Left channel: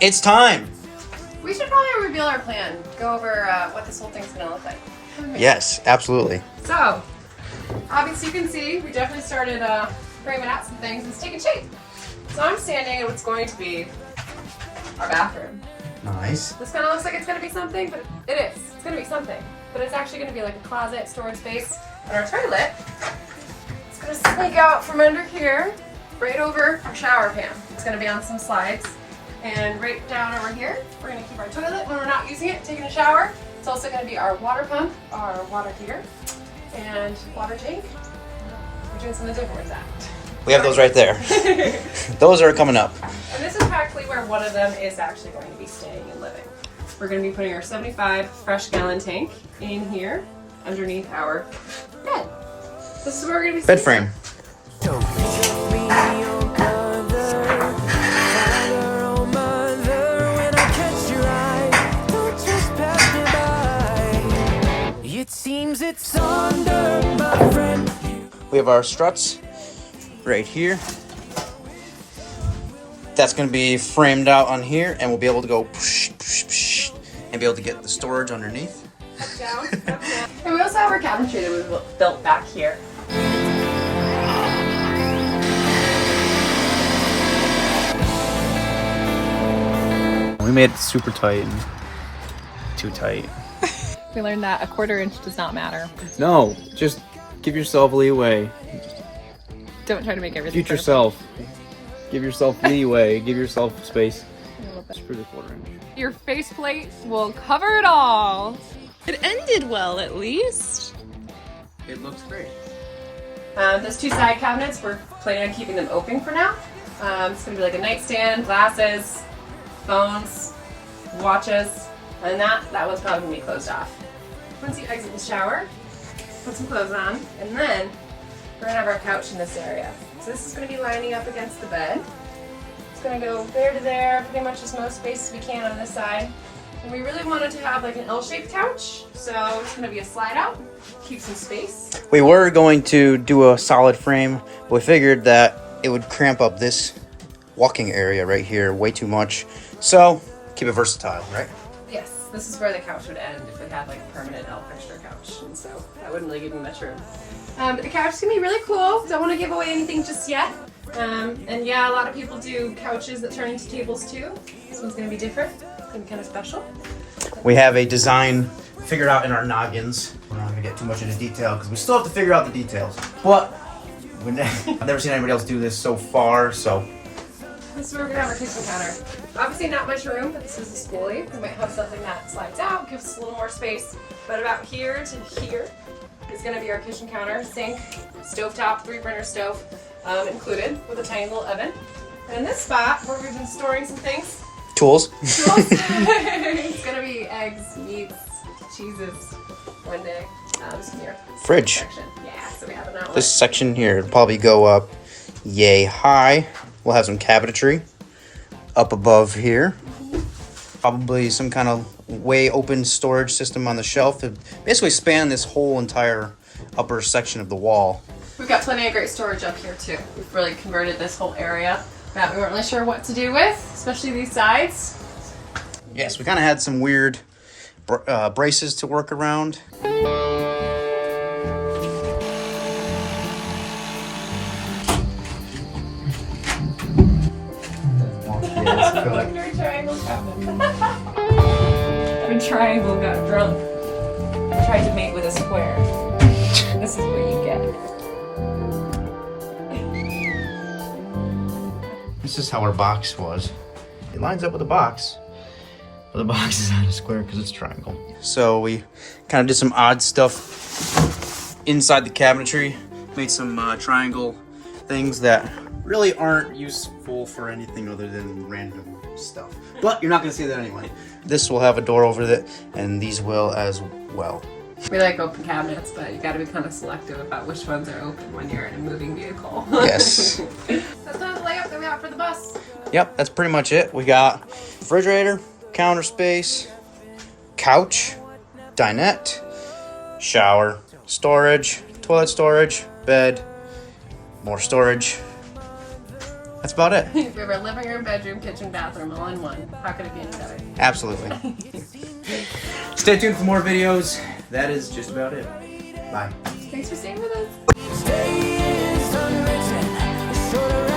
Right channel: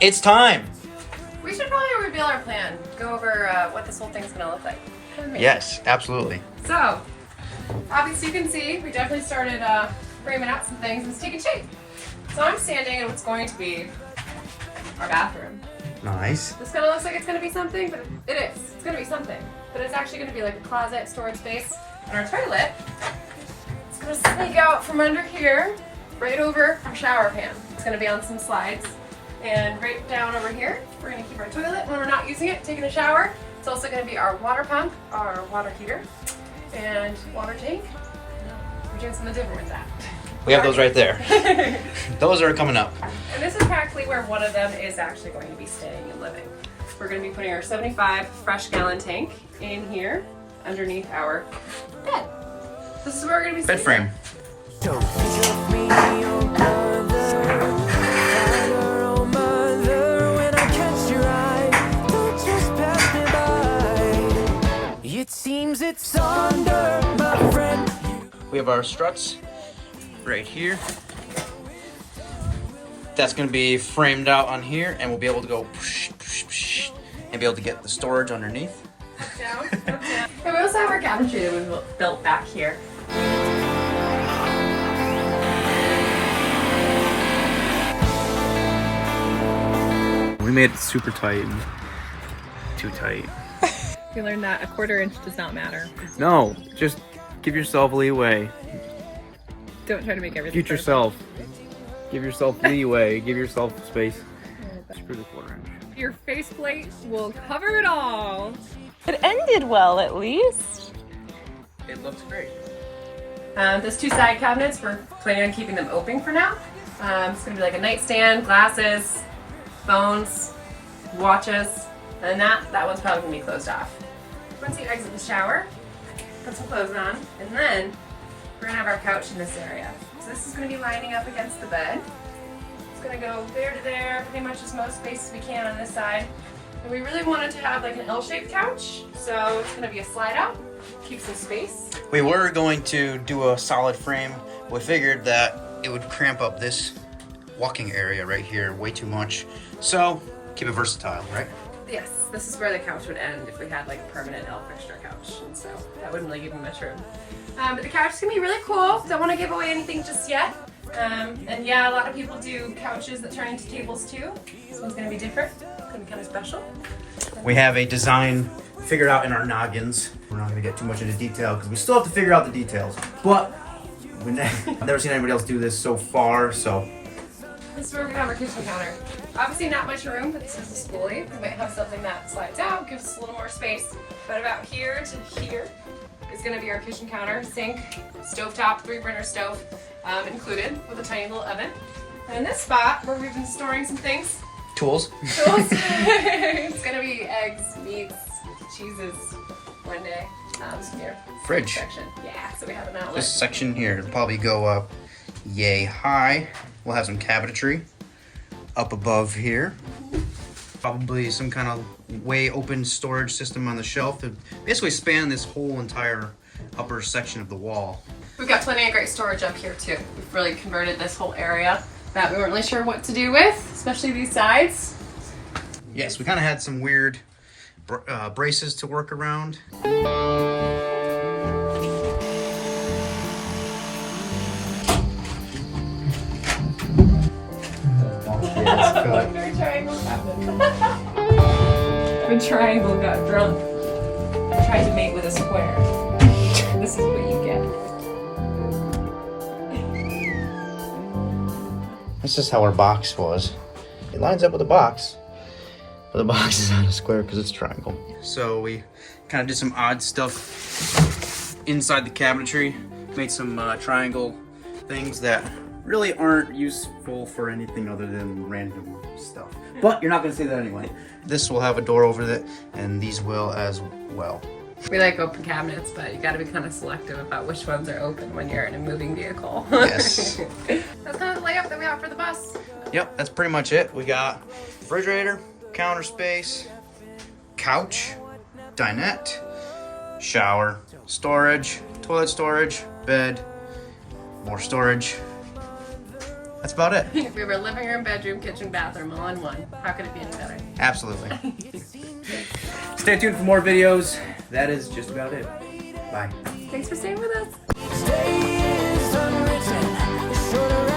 It's time. We should probably reveal our plan. Go over what this whole thing's gonna look like. Come with me. Yes, absolutely. So, obviously you can see we definitely started framing out some things. It's taking shape. So I'm standing in what's going to be our bathroom. Nice. This kind of looks like it's gonna be something, but it is. It's gonna be something. But it's actually gonna be like a closet, storage space. And our toilet, it's gonna sneak out from under here, right over our shower pan. It's gonna be on some slides. And right down over here, we're gonna keep our toilet when we're not using it, taking a shower. It's also gonna be our water pump, our water heater, and water tank. We're doing something different with that. We have those right there. Those are coming up. And this is practically where one of them is actually going to be staying and living. We're going to be putting our 75 fresh gallon tank in here underneath our bed. This is where we're going to be Bed frame. It seems it's under my friend. We have our struts right here. That's going to be framed out on here, and we'll be able to go and be able to get the storage underneath. down. And we also have our cabinetry that we built back here. We made it super tight and too tight. We learned that a quarter inch does not matter. No, just give yourself leeway. Don't try to make everything Future perfect. self. Give yourself leeway. Give yourself space. Screw the quarter inch. Your faceplate will cover it all. It ended well, at least. It looks great. Those two side cabinets, we're planning on keeping them open for now. It's going to be like a nightstand, glasses, phones, watches, and that one's probably going to be closed off. Once you exit the shower, put some clothes on, and then we're going to have our couch in this area. So this is going to be lining up against the bed. It's going to go there to there, pretty much as much space as we can on this side. And we really wanted to have like an L-shaped couch, so it's going to be a slide out, keep some space. We were going to do a solid frame, but we figured that it would cramp up this walking area right here way too much. So keep it versatile, right? Yes, this is where the couch would end if we had like a permanent L fixture couch, and so that wouldn't really give me much room. But the couch is gonna be really cool. Don't want to give away anything just yet. And yeah, a lot of people do couches that turn into tables too. This one's gonna be different. It's gonna be kind of special. We have a design figured out in our noggins. We're not gonna get too much into detail because we still have to figure out the details. But I've never seen anybody else do this so far, so. This is where we're gonna have our kitchen counter. Obviously not much room, but this is a Skoolie. We might have something that slides out, gives us a little more space. But about here to here is gonna be our kitchen counter, sink, stovetop, 3-burner stove included with a tiny little oven. And in this spot where we've been storing some things, Tools. tools, it's gonna be eggs, meats, cheeses, one day. Here. Fridge. Section. Yeah, so we have an outlet. This section here will probably go up yay high. We'll have some cabinetry up above here. Probably some kind of way open storage system on the shelf to basically span this whole entire upper section of the wall. We've got plenty of great storage up here too. We've really converted this whole area that we weren't really sure what to do with, especially these sides. Yes, we kind of had some weird braces to work around. Wonder triangle cabinet. When triangle got drunk, tried to mate with a square. This is what you get. This is how our box was. It lines up with the box, but the box is not a square because it's a triangle. So we kind of did some odd stuff inside the cabinetry, made some triangle things that really aren't useful for anything other than random stuff. But you're not gonna see that anyway. This will have a door over it, and these will as well. We like open cabinets, but you gotta be kind of selective about which ones are open when you're in a moving vehicle. Yes. That's kind of the layout that we have for the bus. Yep, that's pretty much it. We got refrigerator, counter space, couch, dinette, shower, storage, toilet storage, bed, more storage, That's about it. If you have a living room, bedroom, kitchen, bathroom all in one, how could it be any better? Absolutely. Stay tuned for more videos. That is just about it. Bye. Thanks for staying with us. Stay is unwritten. It's sort of